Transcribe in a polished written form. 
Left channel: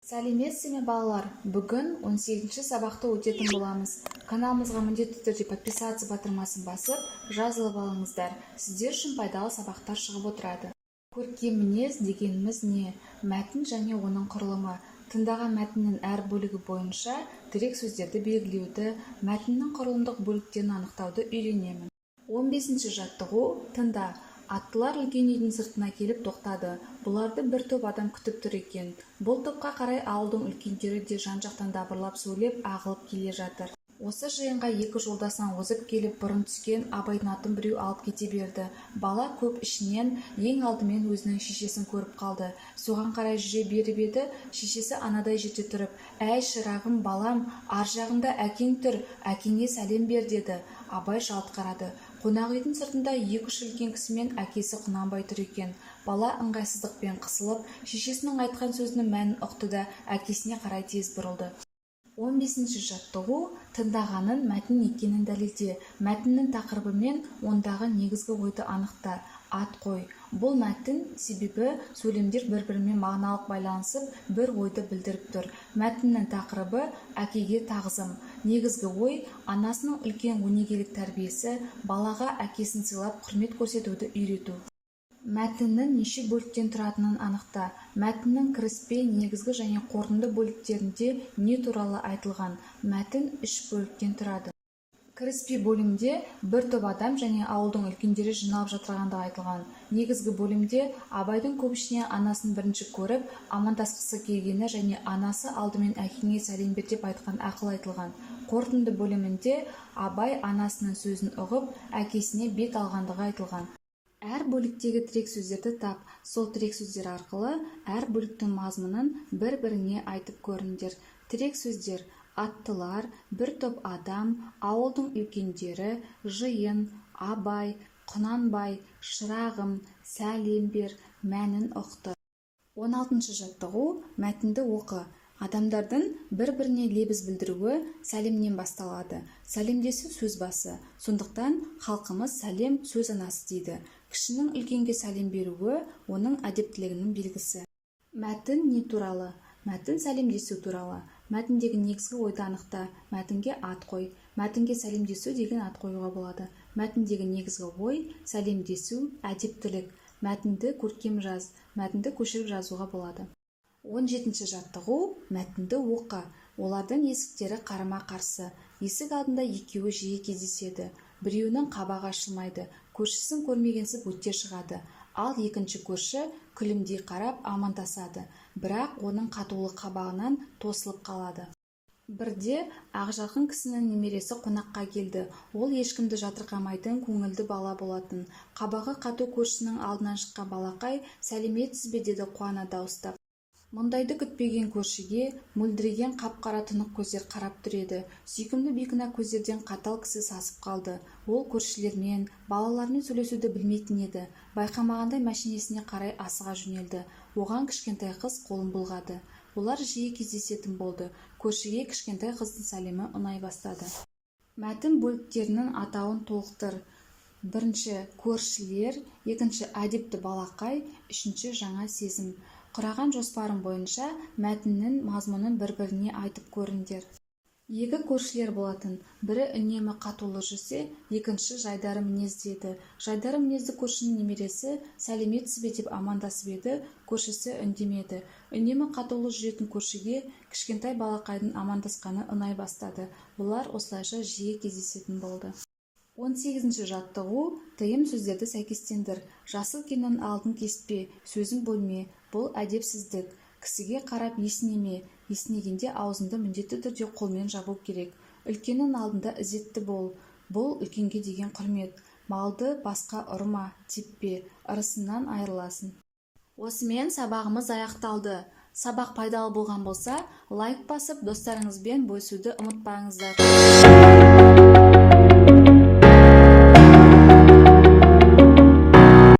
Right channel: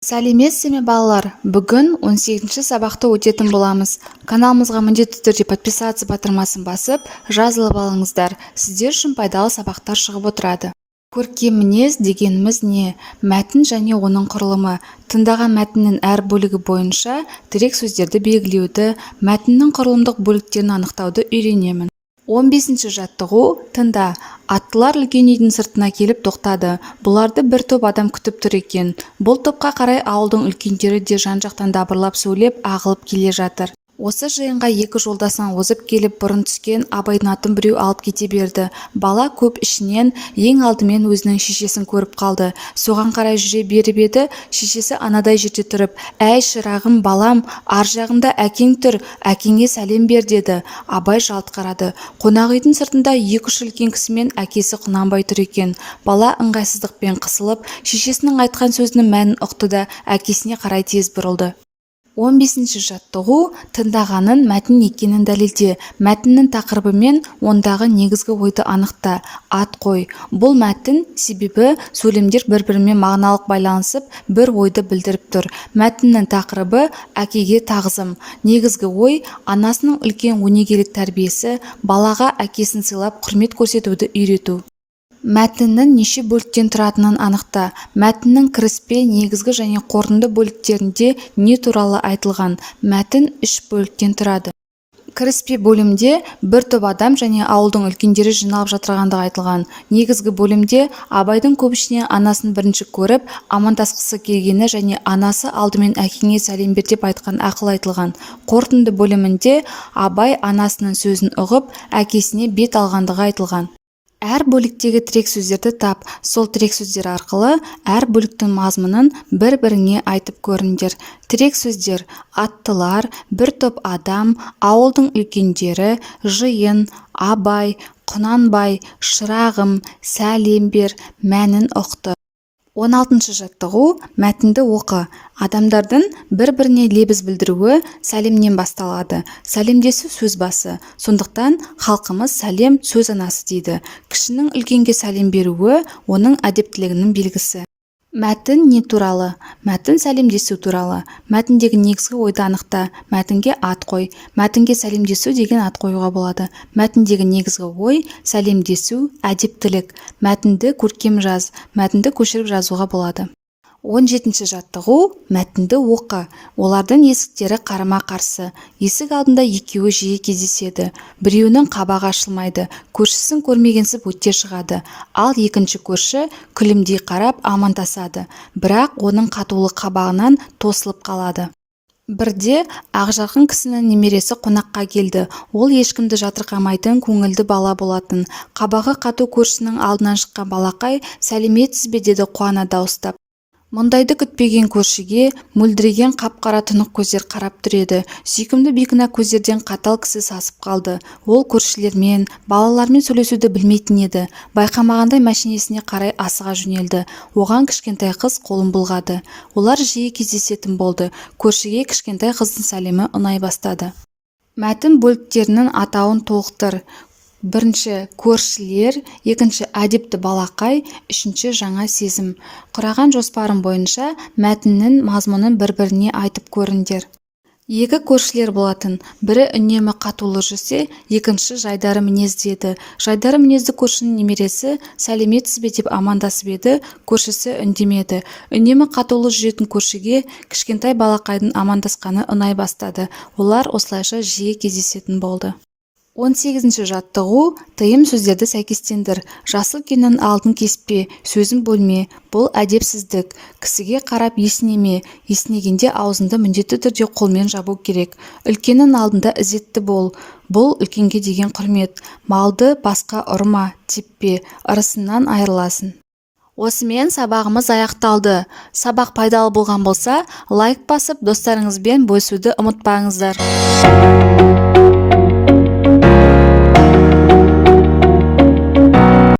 Сәлеметсіз ме балалар? Бүгін 18-ші сабақты өтетін боламыз. Каналымызға міндетті түрде подписаться батырмасын басып, жазылып алыңыздар. Сіздер үшін пайдалы сабақтар шығып отырады. Көркем мінез дегеніміз не? Мәтін және оның құрылымы. Тыңдаған мәтіннің әр бөлігі бойынша тірек сөздерді белгілеуді, мәтіннің құрылымдық бөліктерін анықтауды үйренемін. 15-ші жаттығу. Тыңда. Аттылар үлкен үйдің сыртына келіп тоқтады. Бұларды бір топ адам күтіп тұр екен. Бұл топқа қарай ауылдың үлкендері де жан-жақтан дабырлап сөйлеп ағылып келе жатыр. Осы жиынға екі жолдасынан озып келіп бұрын түскен Абайдың атын біреу алып кете берді. Бала көп ішінен ең алдымен өзінің шешесін көріп қалды. Соған қарай жүре беріп еді, шешесі анадай жерде тұрып: «Әй шырағым, балам, ар жағында әкең тұр, әкеңе сәлем бер» деді. Абай жалт қарады. Қонақ үйдің сыртында екі-үш үлкен кісі мен әкесі Құнанбай тұр екен. Бала ыңғайсыздықпен қысылып, шешесінің айтқан сөзінің мәнін ұқты да әкесіне қарай тез бұрылды. 15-ші жаттығу. Тыңдағанын мәтін екенін дәлелде. Мәтіннің тақырыбы мен ондағы негізгі ойды анықта. Ат қой. Бұл мәтін, себебі сөйлемдер бір-бірімен мағыналық байланысып, бір ойды білдіріп тұр. Мәтіннің тақырыбы әкеге тағзым. Негізгі ой анасының үлкен өнегелік тәрбиесі, балаға әкесін сыйлап құрмет көрсетуді үйрету. Мәтіннің неше бөліктен тұратынын анықта. Мәтіннің кіріспе, негізгі және қорытынды бөліктерінде не туралы айтылған? Мәтін 3 бөліктен тұрады. Кіріспе бөлімде бір топ адам және ауылдың үлкендері жиналып жатырғандығы айтылған. Негізгі бөлімде Абайдың көп ішінен анасын бірінші көріп, амандасқысы келгені және анасы алдымен әкеңе сәлем бер деп айтқан ақыл айтылған. Қорытынды бөлімінде Абай анасының сөзін ұғып, әкесіне бет алғандығы айтылған. Әр бөліктегі тірек сөздерді тап, сол тірек сөздер арқылы әр бөліктің мазмұнын бір-біріңе айтып көріңдер. Тірек сөздер: аттылар, бір топ адам, ауылдың үлкендері, жиын, Абай, Құнанбай, шырағым, сәлем бер, мәнін ұқты. 16-ші жаттығу. Мәтінді оқы. Адамдардың бір-біріне лебіз білдіруі сәлемнен басталады. Сәлемдесу сөз басы. Сондықтан халқымыз сәлем сөз анасы дейді. Кішінің үлкенге сәлем беруі оның әдептілігінің белгісі. Мәтін не туралы? Мәтін сәлемдесу туралы. Мәтіндегі негізгі ойды анықта. Мәтінге ат қой. Мәтінге сәлемдесу деген ат қоюға болады. Мәтіндегі негізгі ой сәлемдесу, әдептілік. Мәтінді көркем жаз. Мәтінді көшіріп жазуға болады. 17-ші жаттығу. Мәтінді оқы. Олардың есіктері қарама-қарсы. Есік алдында екеуі жиі кездеседі. Біреуінің қабағы ашылмайды. Көршісін көрмегенсіп өте шығады. Ал екінші көрші күлімдей қарап амандасады. Бірақ оның қатулы қабағынан тосылып қалады. Бірде ақжарқын кісінің немересі қонаққа келді. Ол ешкімді жатырқамайтын көңілді бала болатын. Қабағы қату көршінің алдынан шыққан балақай: «Сәлеметсіз бе?» деді қуана дауыстап. Мұндайды күтпеген көршіге мөлдіреген қап-қара тұнық көздер қарап тұр еді. Сүйкімді бейкүнә көздерден қатал кісі сасып қалды. Ол көршілермен, балалармен сөйлесуді білмейтін еді. Байқамағандай мәшинесіне қарай асыға жөнелді. Оған кішкентай қыз қолын бұлғады. Олар жиі кездесетін болды. Көршіге кішкентай қыздың сәлемі ұнай бастады. Мәтін бөліктерінің атауын толықтыр. Бірінші көршілер, екінші әдепті балақай, үшінші жаңа сезім. Құраған жоспарым бойынша мәтіннің мазмұнын бір-біріне айтып көріңдер. Екі көршілер болатын. Бірі үнемі қатулы жүрсе, екінші жайдары мінезді еді. Жайдары мінезді көршінің немересі «Сәлеметсіз бе?» деп амандасып еді. Көршісі үндемеді. Үнемі қатулы жүретін көршіге кішкентай балақайдың амандасқаны ұнай бастады. Олар осылайша жиі кездесетін болды. 18-ші жаттығу. Тыйым сөздерді сәйкестендір. Жасыл кеннің алдын кеспе, сөзін бөлме. Бұл әдепсіздік. Кісіге қарап есінеме. Есінегенде аузынды міндетті түрде қолмен жабу керек. Үлкеннің алдында ізетті бол. Бұл үлкенге деген құрмет. Малды басқа ұрма, теппе, ырысынан айырыласың. Осымен сабағымыз аяқталды. Сабақ пайдалы болған болса, лайк басып, достарыңызбен бөлісуді ұмытпаңыздар.